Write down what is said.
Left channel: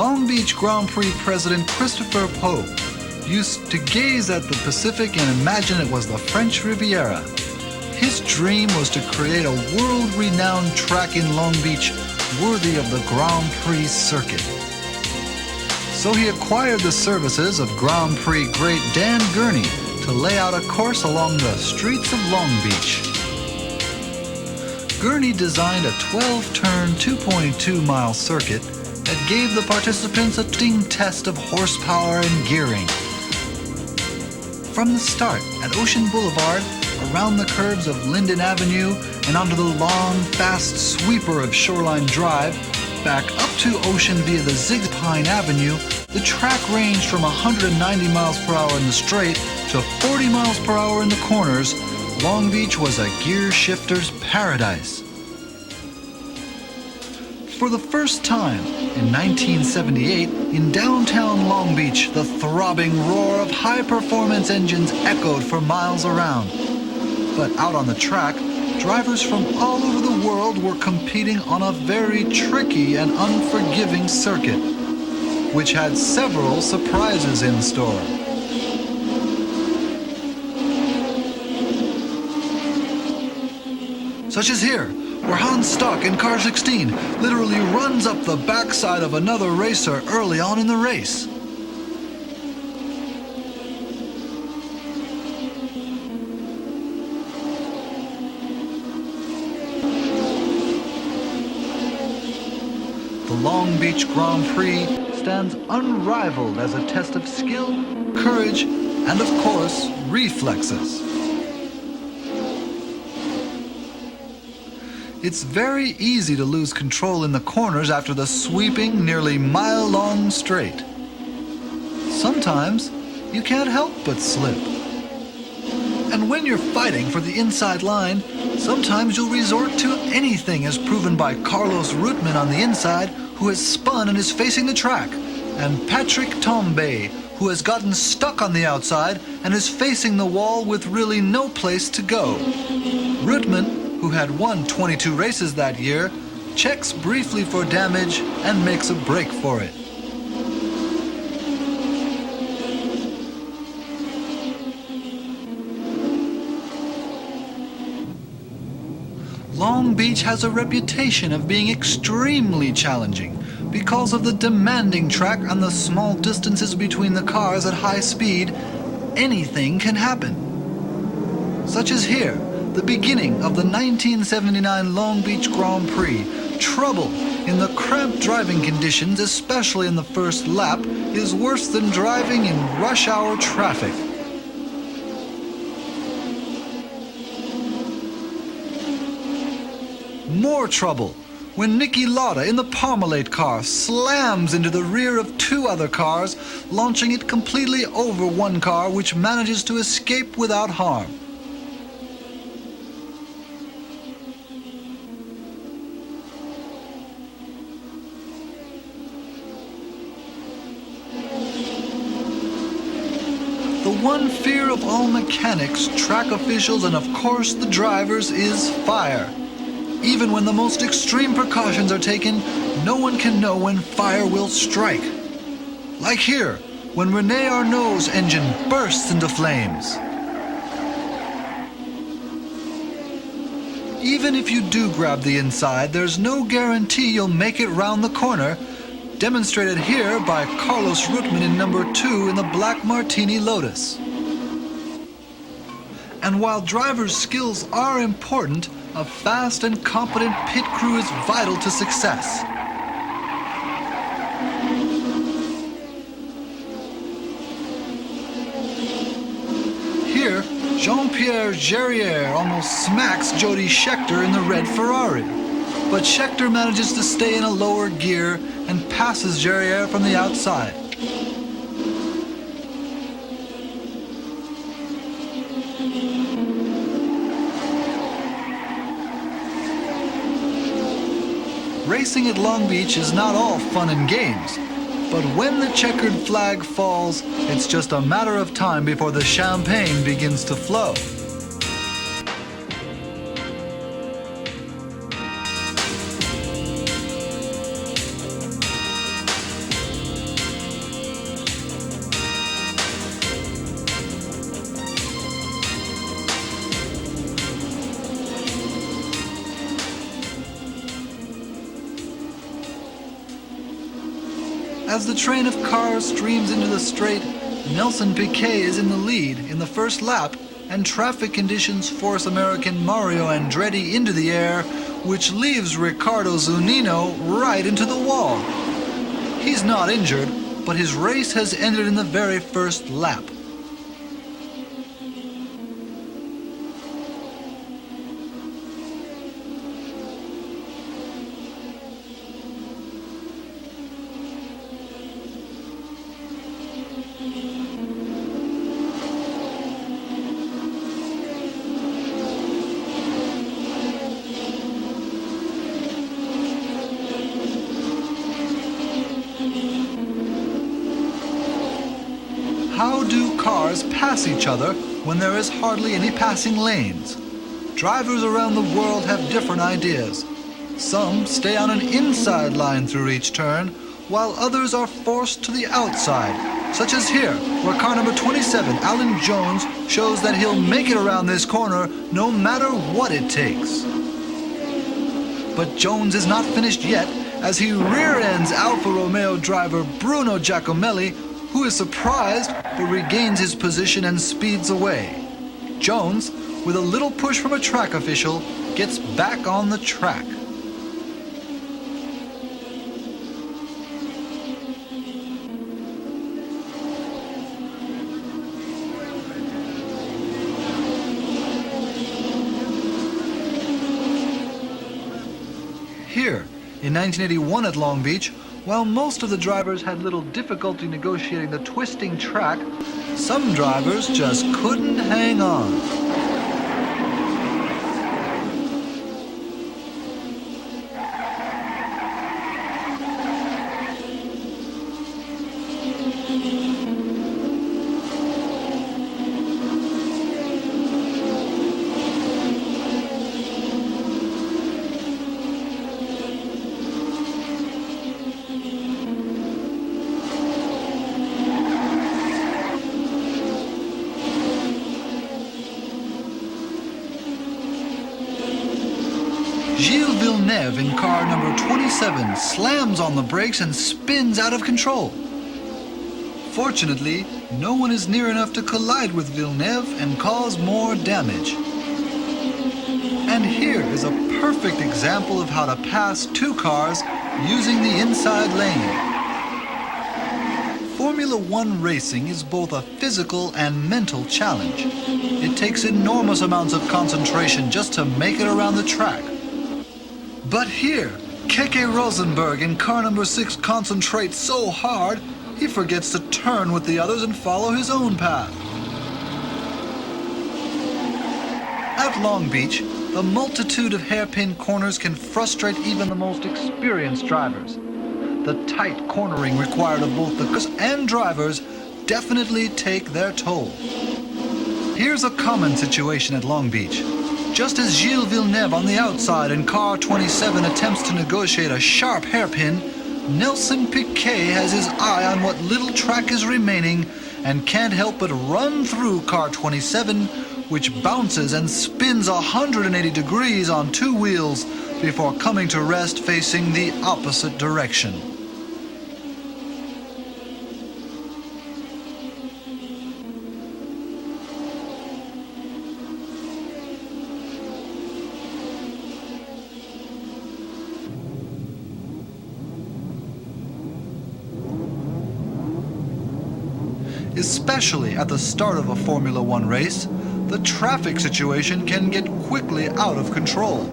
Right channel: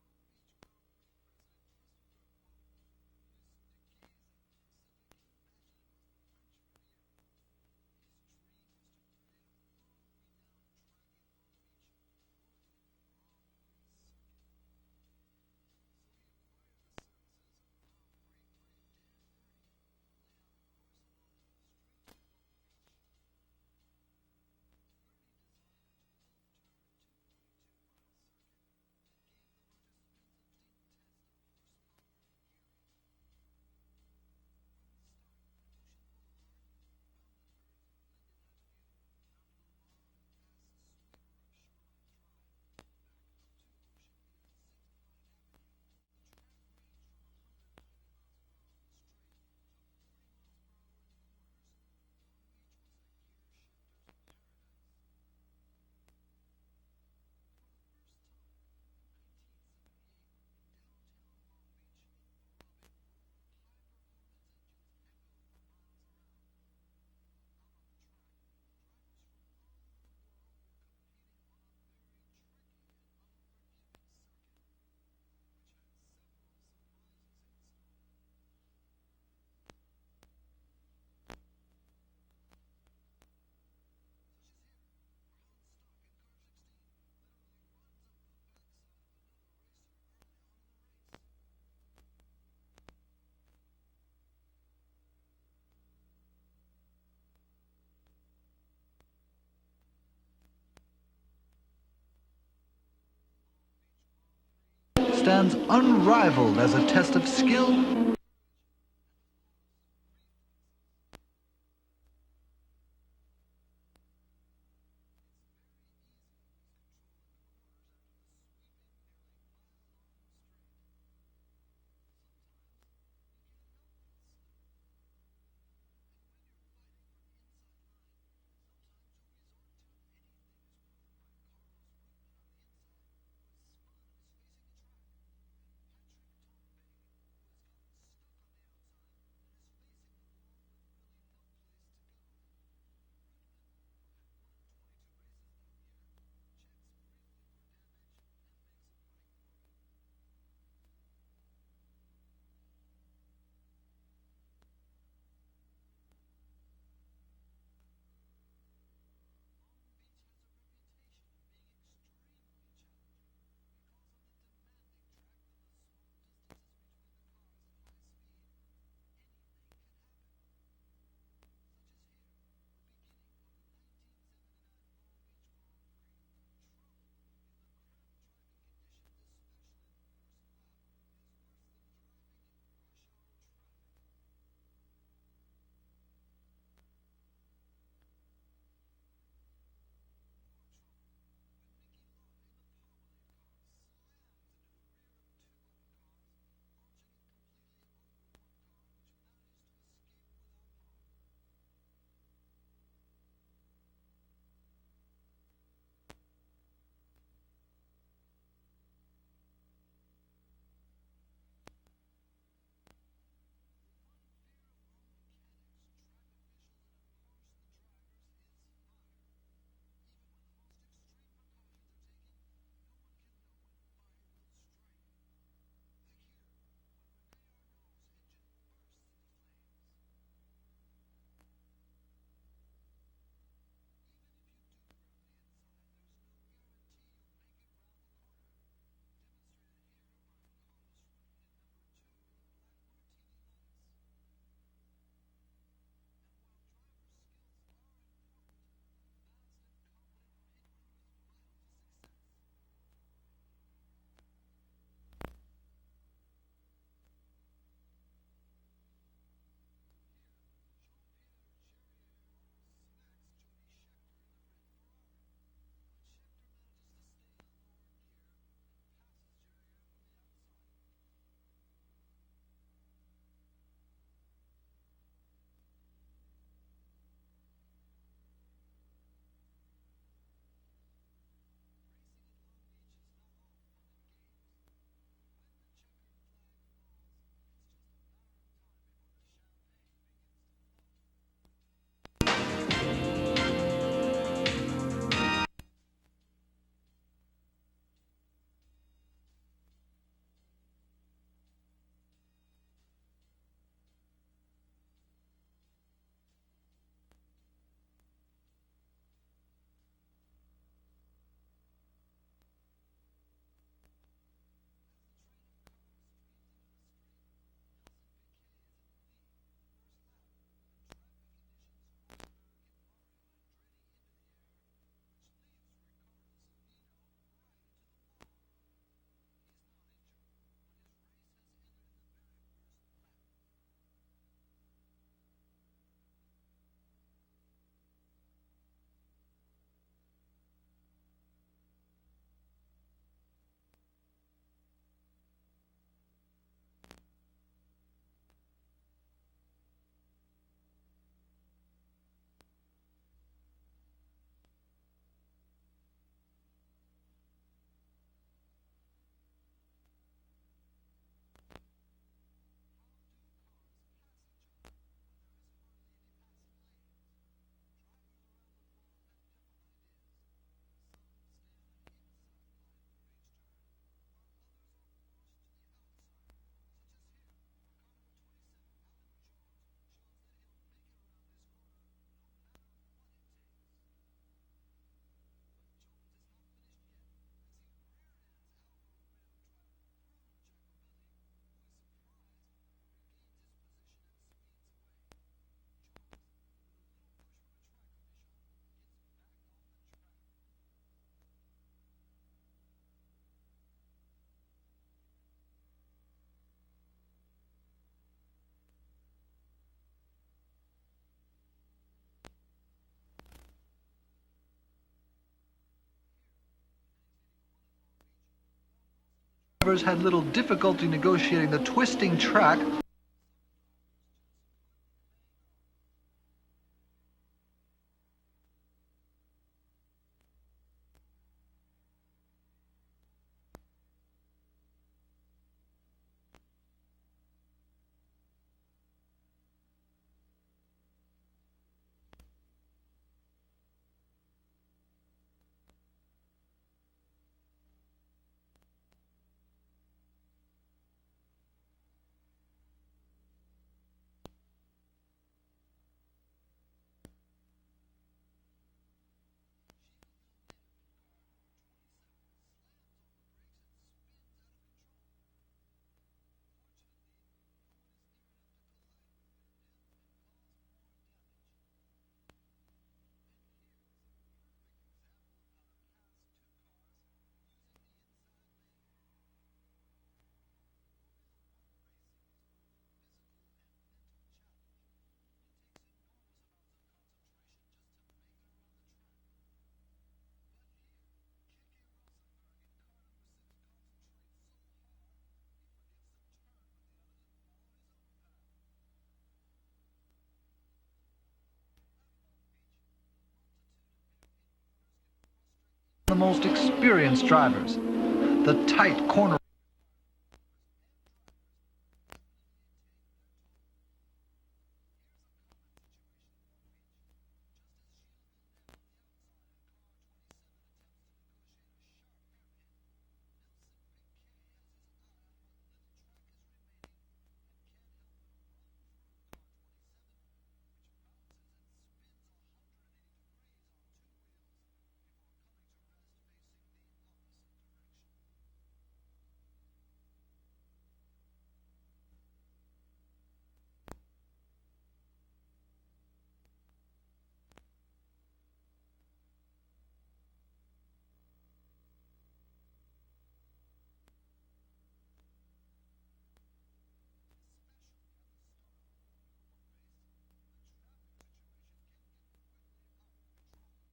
Long Beach Grand Prix President Christopher Poe used to gaze at the Pacific and imagine it was the French Riviera. His dream was to create a world-renowned track in Long Beach worthy of the Grand Prix circuit. So he acquired the services of Grand Prix great Dan Gurney to lay out a course along the streets of Long Beach. Gurney designed a 12-turn, 2.2-mile circuit that gave the participants a sting test of horsepower and gearing. From the start at Ocean Boulevard, around the curves of Linden Avenue, and onto the long, fast sweeper of Shoreline Drive, back up to Ocean via the Zig Pine Avenue, the track ranged from 190 miles per hour in the straight to 40 miles per hour in the corners. Long Beach was a gear shifter's paradise. For the first time, in 1978, in downtown Long Beach, the throbbing roar of high-performance engines echoed for miles around. But out on the track, drivers from all over the world were competing on a very tricky and unforgiving circuit, which had several surprises in store. Such as here, where Hans Stock in car 16 literally runs up the backside of another racer early on in the race. The Long Beach Grand Prix stands unrivaled as a test of skill, courage, and of course, reflexes. It's very easy to lose control in the corners after the sweeping, nearly mile-long straight. Sometimes, you can't help but slip. And when you're fighting for the inside line, sometimes you'll resort to anything, as proven by Carlos Reutemann on the inside, who has spun and is facing the track, and Patrick Tambay, who has gotten stuck on the outside and is facing the wall with really no place to go. Reutemann, who had won 22 races that year, checks briefly for damage and makes a break for it. Long Beach has a reputation of being extremely challenging because of the demanding track and the small distances between the cars at high speed. Anything can happen. Such as here, the beginning of the 1979 Long Beach Grand Prix. Trouble in the cramped driving conditions, especially in the first lap, is worse than driving in rush hour traffic. More trouble when Nicki Lauda in the Parmalat car slams into the rear of two other cars, launching it completely over one car, which manages to escape without harm. The one fear of all mechanics, track officials, and of course the drivers is fire. Even when the most extreme precautions are taken, no one can know when fire will strike. Like here, when Rene Arnaud's engine bursts into flames. Even if you do grab the inside, there's no guarantee you'll make it round the corner, demonstrated here by Carlos Reutemann in number 2 in the Black Martini Lotus. And while drivers' skills are important, a fast and competent pit crew is vital to success. Here, Jean-Pierre Jarier almost smacks Jodi Scheckter in the red Ferrari. But Scheckter manages to stay in a lower gear and passes Jarier from the outside. Racing at Long Beach is not all fun and games, but when the checkered flag falls, it's just a matter of time before the champagne begins to flow. As the train of cars streams into the straight, Nelson Piquet is in the lead in the first lap, and traffic conditions force American Mario Andretti into the air, which leaves Riccardo Zunino right into the wall. He's not injured, but his race has ended in the very first lap. How do cars pass each other when there is hardly any passing lanes? Drivers around the world have different ideas. Some stay on an inside line through each turn, while others are forced to the outside, such as here, where car number 27, Alan Jones, shows that he'll make it around this corner no matter what it takes. But Jones is not finished yet, as he rear-ends Alfa Romeo driver Bruno Giacomelli, who is surprised but regains his position and speeds away. Jones, with a little push from a track official, gets back on the track. Here, in 1981 at Long Beach, while most of the drivers had little difficulty negotiating the twisting track, some drivers just couldn't hang on. Gilles Villeneuve in car number 27 slams on the brakes and spins out of control. Fortunately, no one is near enough to collide with Villeneuve and cause more damage. And here is a perfect example of how to pass two cars using the inside lane. Formula One racing is both a physical and mental challenge. It takes enormous amounts of concentration just to make it around the track. But here, Keke Rosenberg in car number 6 concentrates so hard, he forgets to turn with the others and follow his own path. At Long Beach, the multitude of hairpin corners can frustrate even the most experienced drivers. The tight cornering required of both the cars and drivers definitely take their toll. Here's a common situation at Long Beach. Just as Gilles Villeneuve on the outside in car 27 attempts to negotiate a sharp hairpin, Nelson Piquet has his eye on what little track is remaining and can't help but run through car 27, which bounces and spins 180 degrees on two wheels before coming to rest facing the opposite direction. Especially at the start of a Formula One race, the traffic situation can get quickly out of control.